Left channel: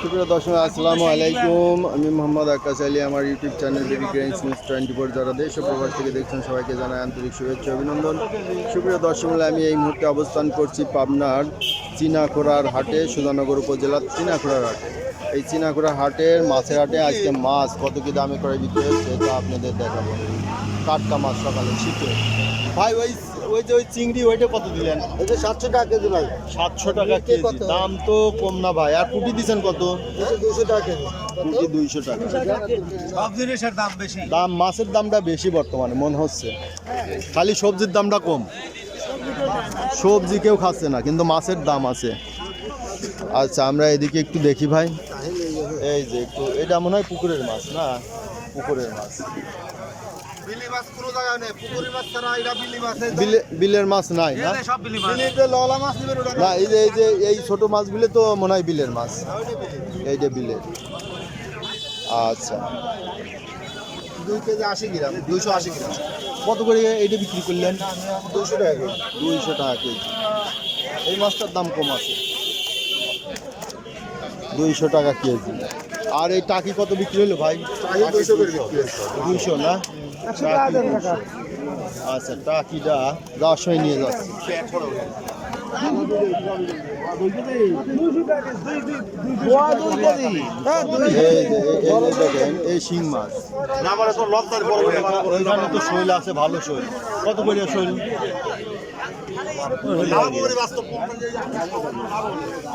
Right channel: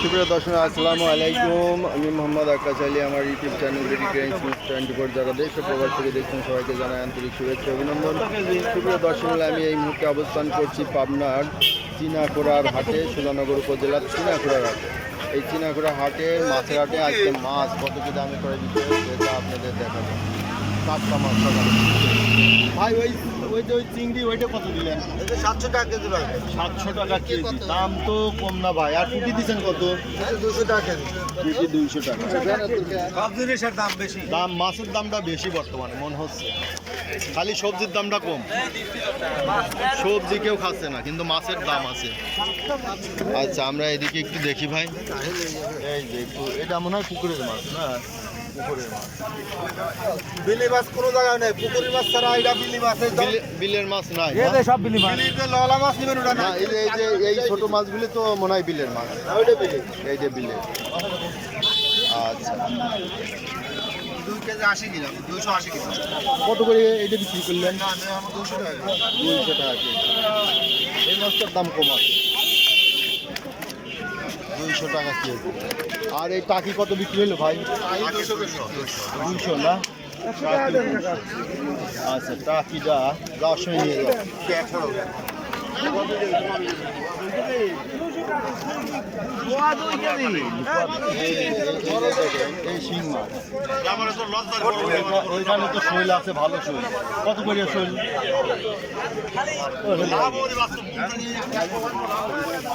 সুপ্রিয় দর্শক, আসসালামু আলাইকুম। আমি মোহাম্মদ আকাশ আলী। আমার ইউটিউব চ্যানেল ডেডিকেশন নিউজ 24 যারা দেশ ও প্রবাস থেকে দেখছেন সবাইকে জানাই আন্তরিক শুভেচ্ছা অভিনন্দন। সুপ্রিয় দর্শক, আমি এই মুহূর্তে অবস্থান করছি পাবনার চিনাখোড়ার হাটে, সুধানগর উপজেলার চিনাখোড়ার হাটে। এই চিনাখোড়া হাটের মাছের হাটে আজকে মাছ কত কি দামে করে দিতে সেটা আপনাদের দেখাবো। টাটকা মাছ সকালে শীতে। ভাই ওই যে ওই চিংড়ি ওইটা কত দিলেন? এই যে 700 টাকা কেজি ভাই। 700 টাকা কেজি, দাম তো কম না ভাই। আর পুঁটি দিচ্ছেন কত? 200 টাকা কেজি। পুঁটি 200 টাকা। সব জিনিসের দাম বেশি। মাছের দামটা বেশি বর্তমানে মনে হচ্ছে, খালি সবজির দামটা কম। সবজি কেউ খাচ্ছে না, কিন্তু মাছের দাম আছে। আচ্ছা, আমরা এদিকে একটু দেখি ভাই। এই যে একটু, এটা মনে হয় পুকুরের মাছ না? পুকুরের মাছ। বিলি মাছ কোনো জায়গায় নেই। পুকুরি মাছ ছাড়া এটা বিলি মাছ। বিলের মাছ নাই না? সব বিলি মাছ। বিলি তো ললা মাছ নিবেন ওটা না, এই ছোট মাছগুলো তো মনে হয় বিলের মাছ। ওইটা বিলি। এইটা বিলের। আচ্ছা, 2 কেজি 80 গ্রাম, 280 গ্রাম। কত করে এইটা বিক্রি করলেন? 200 টাকা কেজি। 200 টাকা কেজি। এই মাছটার দাম কম আছে, 200 টাকা কেজি। আর এই টাকি কত বিক্রি হলো ভাই? 200 করে বিক্রি হচ্ছে। 200 না? আচ্ছা, টাকিটা যাওয়ার সময় নিয়ে যাচ্ছি। দেখেন এই শিং মাছ। ওইখানে তো শৈল আছে, ভালো শৈল। কত করে শৈল?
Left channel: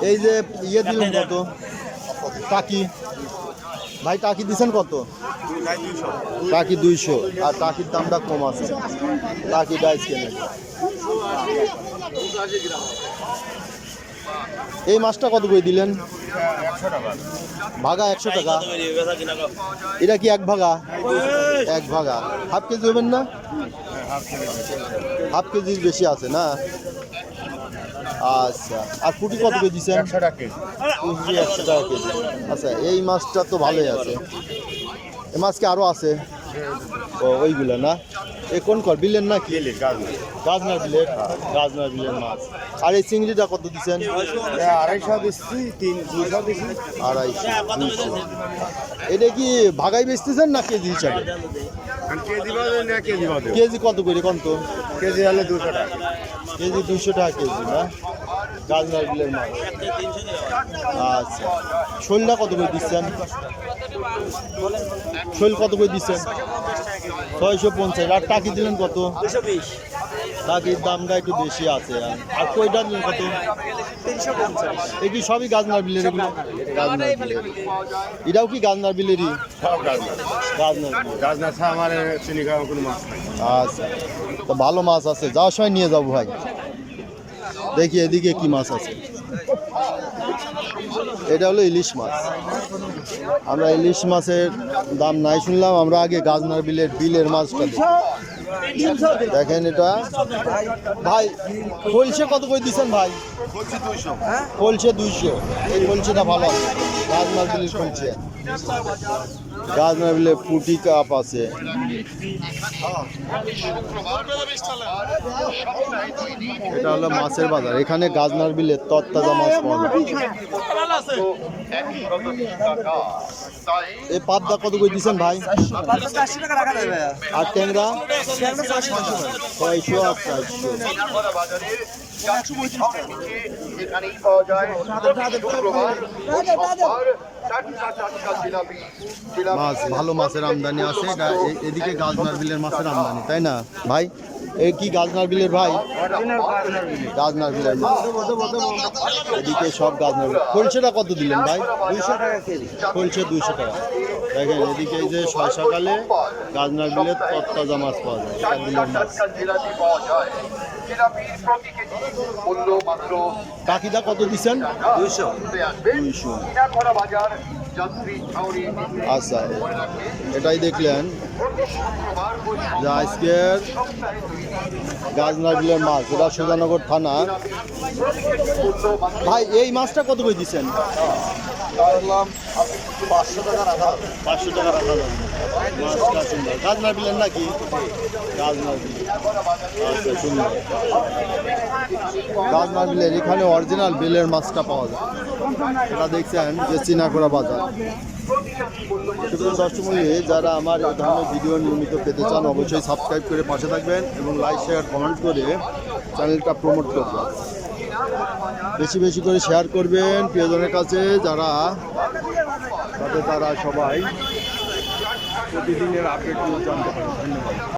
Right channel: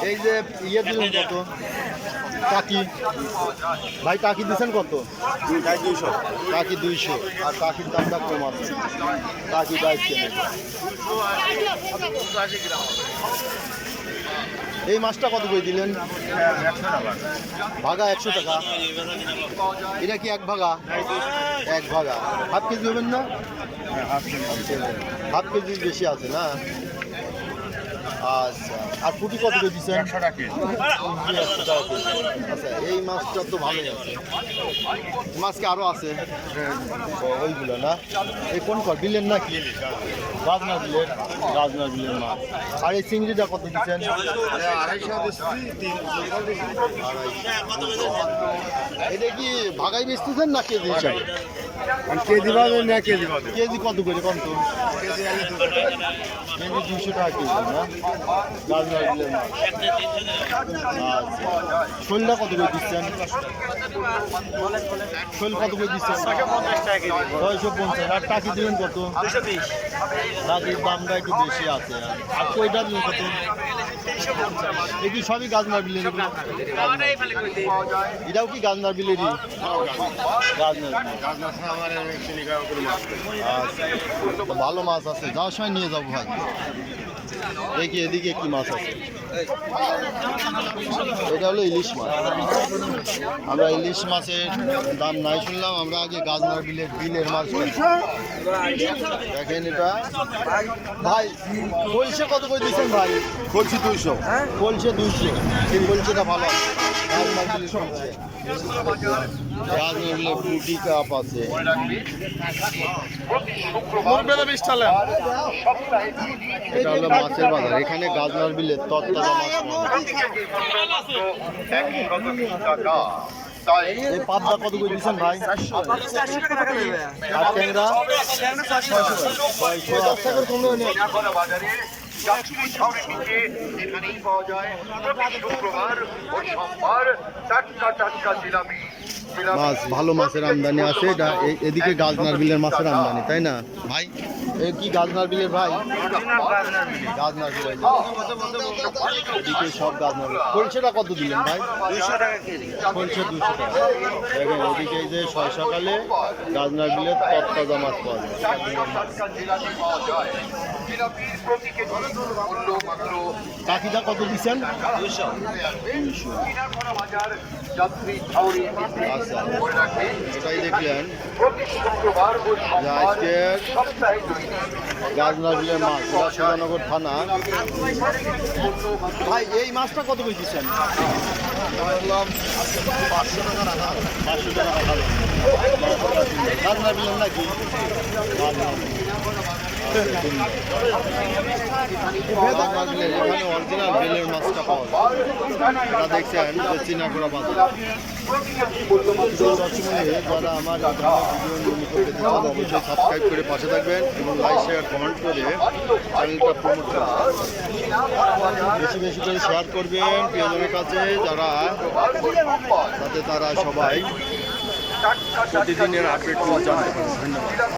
এই যে ইয়ে দিলেন কত? টাকি ভাই, টাকি দিচ্ছেন কত? টাকি 200। আর টাকির দামটা কম আছে, টাকি 22 কেনে। এই মাছটা কত করে দিলেন? 100 টাকা। ভাগা 100 টাকা। এটা কি এক ভাগা? এক ভাগা। হাফ কেজি হবেন না? হাফ কেজির বেশি আছে না? আচ্ছা, আর পুঁটি কত করে দিচ্ছেন? 100 টাকা কেজি। পুঁটি 100 টাকা কেজি। আচ্ছা, এই মাছটা তো ভালোই আছে। এই মাছ কি আরও আছে? ও, ওইগুলো না? এই কোন কর বিলের না কি? গাজনার বিলের। গাজনার বিলের মাছ। আর এই চিংড়িটা কত দিচ্ছেন? 250 দিচ্ছি, 300 দিচ্ছি। 250, 200। এটা কি ভাগাই বেচতেছেন না কেজি হিসাবে? কেজি বাদে না কেজি বাদে। কেজি কত করে কম তো? কেজি হলে 200 টাকা। কেজি 200 টাকা কেজি না? গাজনার বিলের মাছ। আচ্ছা, শোলটা কত করে দিচ্ছেন? শোল কত করে দিচ্ছেন? 650। আর টাকি দিলেন কত? 220। টাকির দামটা একটু বেশি আছে। আর কইটা দিলেন কত? 350। এই কি সবই গাজনার বিলের? এগুলো গাজনার বিলের। এটাও কি গাজনার বিলেরই? গাজনার বিলের। গাজনা ছাড়া আমার চিনি খাওয়া কোনো মাছ নেই। আচ্ছা, তো ভালো মাছ আছে, যাওয়ার সময় নিয়ে যাবো ভাই। দেখি এদিকে কি মাছ আছে। এটা হলো ইলিশ মাছ। আমরা ইলিশ মাছের দাম নাই শুনলাম, আমরা আগে গাজনার বিলের মাছটা দেখেন। এটা ভাই কলসে কত করে দিচ্ছেন ভাই? বলছি 200। কলসে 200। এই কলসেটা ভালো আছে, গাজনার বিলের কলসে। গাজনার বিলের পুঁটি কাপ আছে। এটা হলো মাছের বাজার। এখানে গাজনার বিলের তরতাজা মাছ পাওয়া যায়। এই পাবদা কত করে দিচ্ছেন ভাই? আর ট্যাংরা 600 আর 400। মাছ ভালো, মাছের আমদানি আছে। এটা এদিকে গাজনার বিলের মাছের আমদানি, তাই না ভাই? এই কি গাজনার বিলের ভাই? গাজনার বিলের মাছ। এদিকে সব গাজনার বিল। খলছেটা কত দিলেন ভাই? 200 টাকা কেজি। খলছে 200 টাকা। দেখেন এদিকে এই যে সকালে গাজনার বিলের তরতাজা মাছ পাওয়া যায়। বিলের মাছ। টাকিটা কত দিচ্ছেন? 200। 200। আচ্ছা, এটাই দেখলেন যে আজকের গাজনার বিলের মাছ। এটা সুধানগর থানা। ভাই এই মাছটা কত করে দিচ্ছেন? বললাম 500 টাকা রাখা 500 টাকা রাখা যাবে। মাছটা সুন্দর। কাজনা বিলেন নাকি? কাজনা বিল। আচ্ছা, সুন্দর। কাজনা বিলের এখানে অরিজিনাল বিলের মাছটা পাওয়া যায়। এটা দেখছেন যে চিনাকোড়া বাজার। সুপ্রিয় দর্শক মণ্ডলী, যারা আমার এই ধরনের ভিডিও নিয়মিত পেতে চান অবশ্যই সাবস্ক্রাইব করে পাশে থাকবেন এবং লাইক শেয়ার কমেন্ট করে চ্যানেলটা প্রমোট করবেন। বেশি বেশি করে শেয়ার করবেন প্রিয়জনের কাছে, যাতে তারা সবাই প্রতিদিনের আপডেটগুলো জানতে পারে। ধন্যবাদ।